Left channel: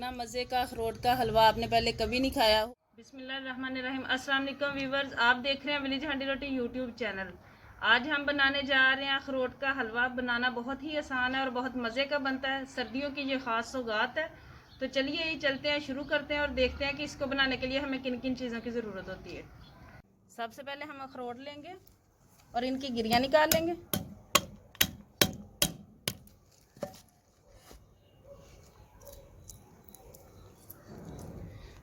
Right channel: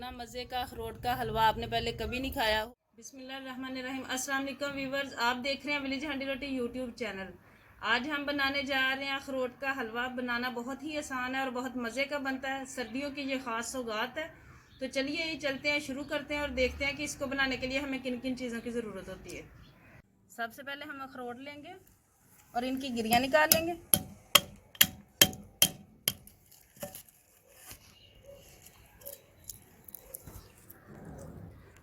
इतना मज़े का अखरोट का हलवा आपने पहले कभी नहीं खाया। बिस्मिल्लाहिर्रहमानिर्रहीम। अस्सलाम वालेकुम व्यूवर्स, आप देख रहे हैं विलेज हांडी रोटी यूट्यूब चैनल। आज हम बनाने जा रहे हैं अखरोट का हलवा। बनाना बहुत ही आसान है और बहुत मज़े का बनता है। सर्दियों की ये ख़ास सौगात है। तो चलिए ये चलते हैं, शुरू करते हैं और देखते हैं कि इसको बनाने के लिए हमें किन किन चीज़ों की ज़रूरत होती है। सबसे पहले हम अखरोट लेंगे और इनकी गिरियाँ निकाल लेंगे।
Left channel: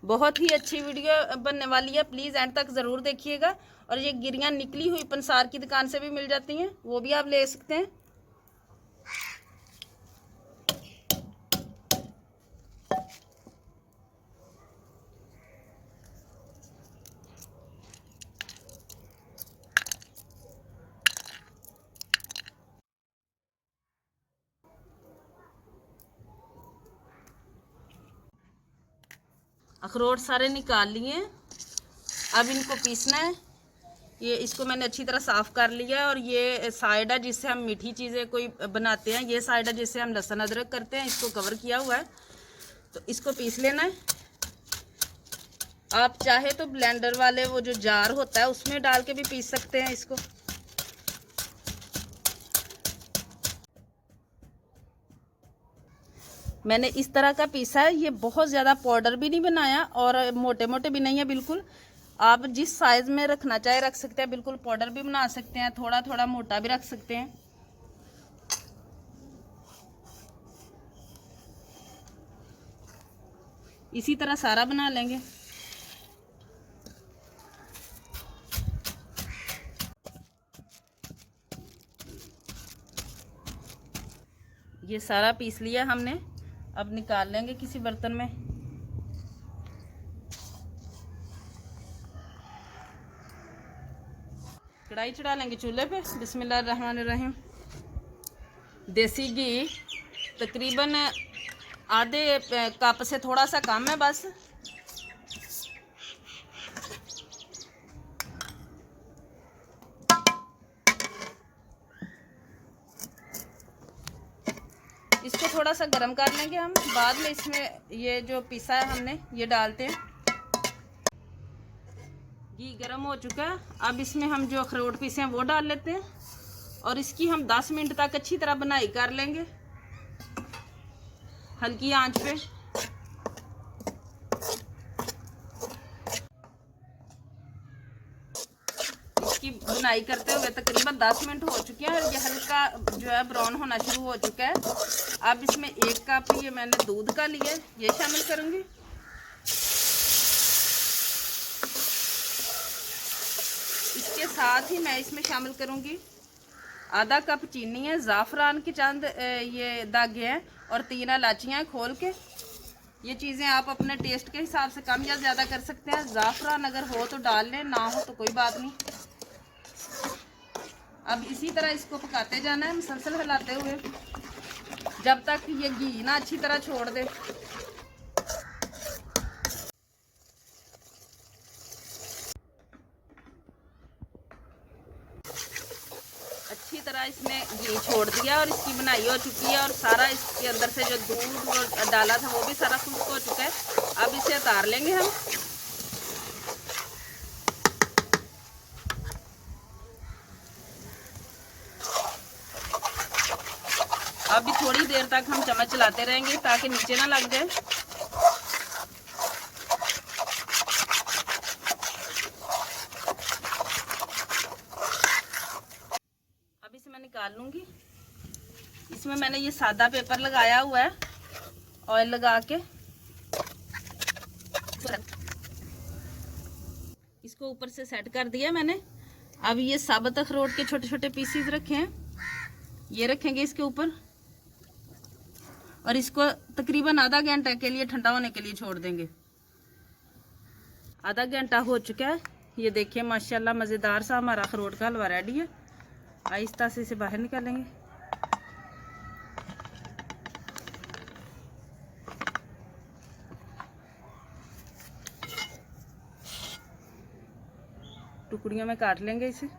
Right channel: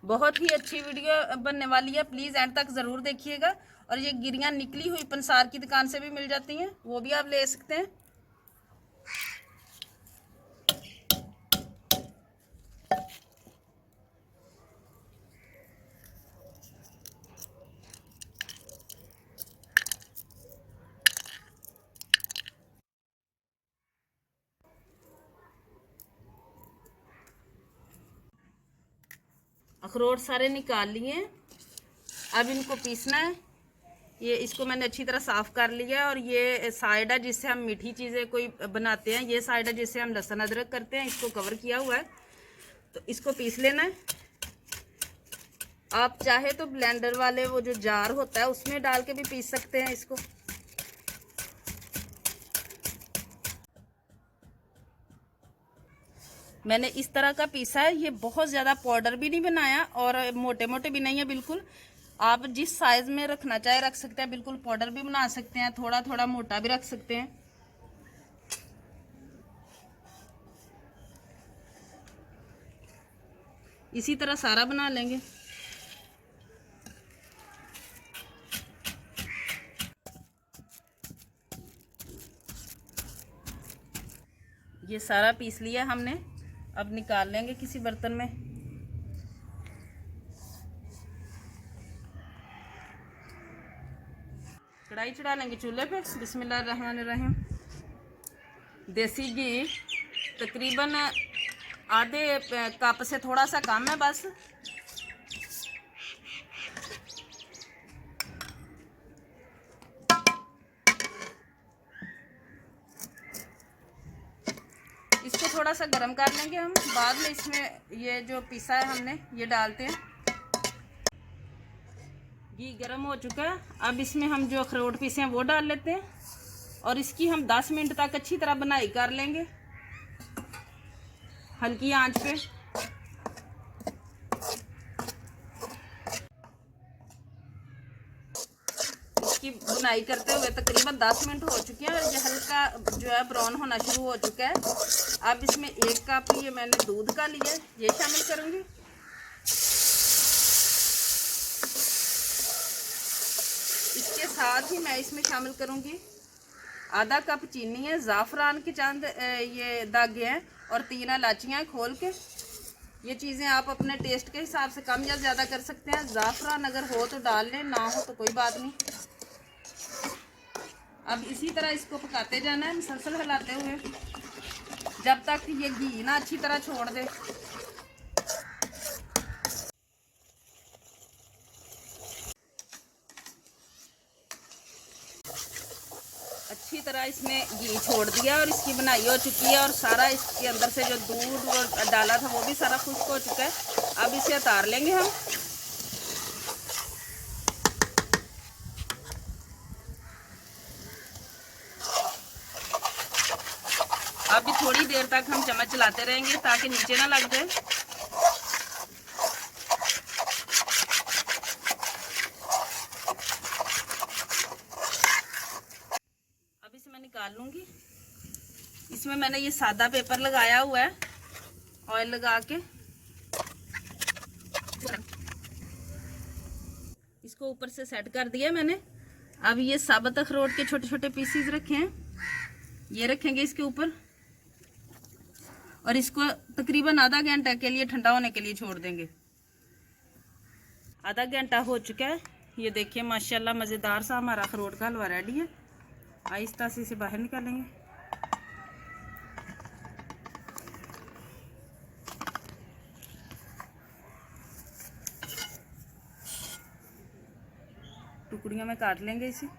बहुत ही अच्छी वीडियो बनने वाली है, प्लीज़ एंड तक ज़रूर देखिएगा। और ये गिरियाँ निकली हुई पंसार की दुकान से भी मिल जाती हैं, वो भी आप ले सकते हैं। अखरोट सारे निकाल लिए, अब इनको पीसना है। ये इसको मैंने अच्छी तरह साफ़ कर लिया है। और ये साइड है जिससे हम मीठी चीज़ें कोई बनाते हैं, ये साइड है जिससे हम लहसुन अदरक करते हैं, इसको कवर किया हुआ है। तो इसको पीस लेना है। आप चाहे तो ब्लेंडर वाले वो जो जार होता है उसमें डाल के भी पीस सकते हैं इसको। मैंने इस तरह का पीसा है। ये बहुत ज़्यादा पाउडर भी नहीं बनाया और मोटे मोटे भी नहीं है बिल्कुल। आप जिस साइज़ में रखना चाहे रख सकते हैं, बिल्कुल पाउडर भी बना सकते हैं, थोड़ा थोड़ा मोटा भी रख सकते हैं। इसी तरह सारा बना लेंगे। ये सारा पीस लिया हमने, अब निकाल लेंगे किसी बर्तन में। कढ़ाई चढ़ा लेंगे चूल्हे पे। बिस्मिल्लाहिर्रहमानिर्रहीम। देसी घी तकरीबन आधे कप से थोड़ा सा कम है बस। इसको थोड़ा सा गर्म कर लेंगे हम, बाद में इसमें ये जो पिसा है हमने ये डालते हैं। घी गर्म हो चुका है, अब इसमें हम जो अखरोट पीसे हैं वो डाल लेते हैं और इसकी हम 10 मिनट तक अच्छी तरह बनाई कर लेंगे हल्की आंच पे। इसकी बुनाई करते हुए तकरीबन 10 मिनट हो चुके हैं और ये हल्का जो है ब्राउन होना शुरू हो चुका है। अब इसमें 1 कप ये मैंने दूध का लिया है, ये शामिल करूंगी। इसके साथ ही मैं इसमें शामिल करूंगी आधा कप चीनी है, ज़ाफ़रान के चंद ये दागे हैं और 3 इलायचियाँ खोल के। ये चीज़ें आप अपने टेस्ट के हिसाब से कम या ज़्यादा कर सकते हैं। ज़ाफ़रान अगर हो तो डाल लें, ना हो तो कोई बात नहीं। अब इसी तरह इसको पकाते जाना है मुसलसल हिलाते हुए जब तक ये घी ना अच्छी तरह छोड़ दे। अच्छी तरह इसने घी छोड़ दिया और इसकी बनाई हो चुकी है और सारा इसके अंदर से जो दूध और डाला था वो भी सारा खुश्क हो चुका है। अब इसे उतार लेंगे हम। अब थोड़ी देर तक हम चम्मच चलाते रहेंगे ताकि नीचे ना लग जाए। अब इसे मैं निकाल लूंगी। इसमें मैंने ये सादा पेपर लगाया हुआ है, ऑयल लगा के इसको ऊपर से सेट कर दिया मैंने। अब ये साबुत अखरोट के छोटे छोटे पीसीज रखे हैं, ये रखेंगे इसके ऊपर और इसको तकरीबन आधा घंटा के लिए ठंडा होने के लिए छोड़ देंगे। आधा घंटा हो चुका है, ये देखिए माशाल्लाह मज़ेदार सा हमारा अखरोट का हलवा रेडी है। आहिस्ता से इसे बाहर निकालेंगे। टुकड़ियों में काट लेंगे इसे।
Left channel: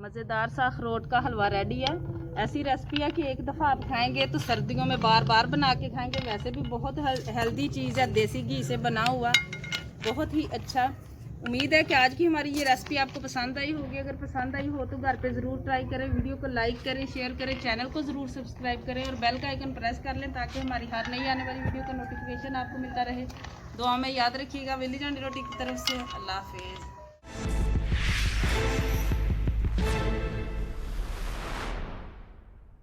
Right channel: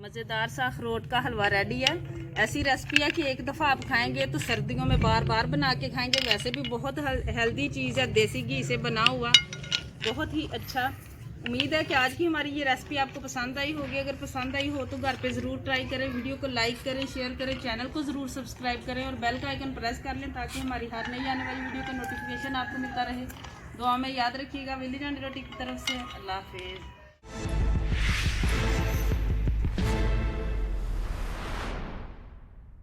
मज़ेदार सा अखरोट का हलवा रेडी है। ऐसी रेसिपी है कि एक दफ़ा आप खाएंगे तो सर्दियों में बार बार बना के खाएंगे। वैसे भी बहुत हेल्दी चीज़ है, देसी घी से बना हुआ, बहुत ही अच्छा। उम्मीद है कि आज की हमारी ये रेसिपी आपको पसंद आई होगी। अगर पसंद आई हो तो घर पे ज़रूर ट्राई करें। वीडियो को लाइक करें, शेयर करें, चैनल को ज़रूर सब्सक्राइब करें और बेल का आइकन प्रेस कर लें ताकि हमारी हर नई आने वाली वीडियो का नोटिफिकेशन आपको मिलता रहे। दुआ में याद रखिएगा। विलेज हांडी रोटी की तरफ से अल्लाह हाफिज़।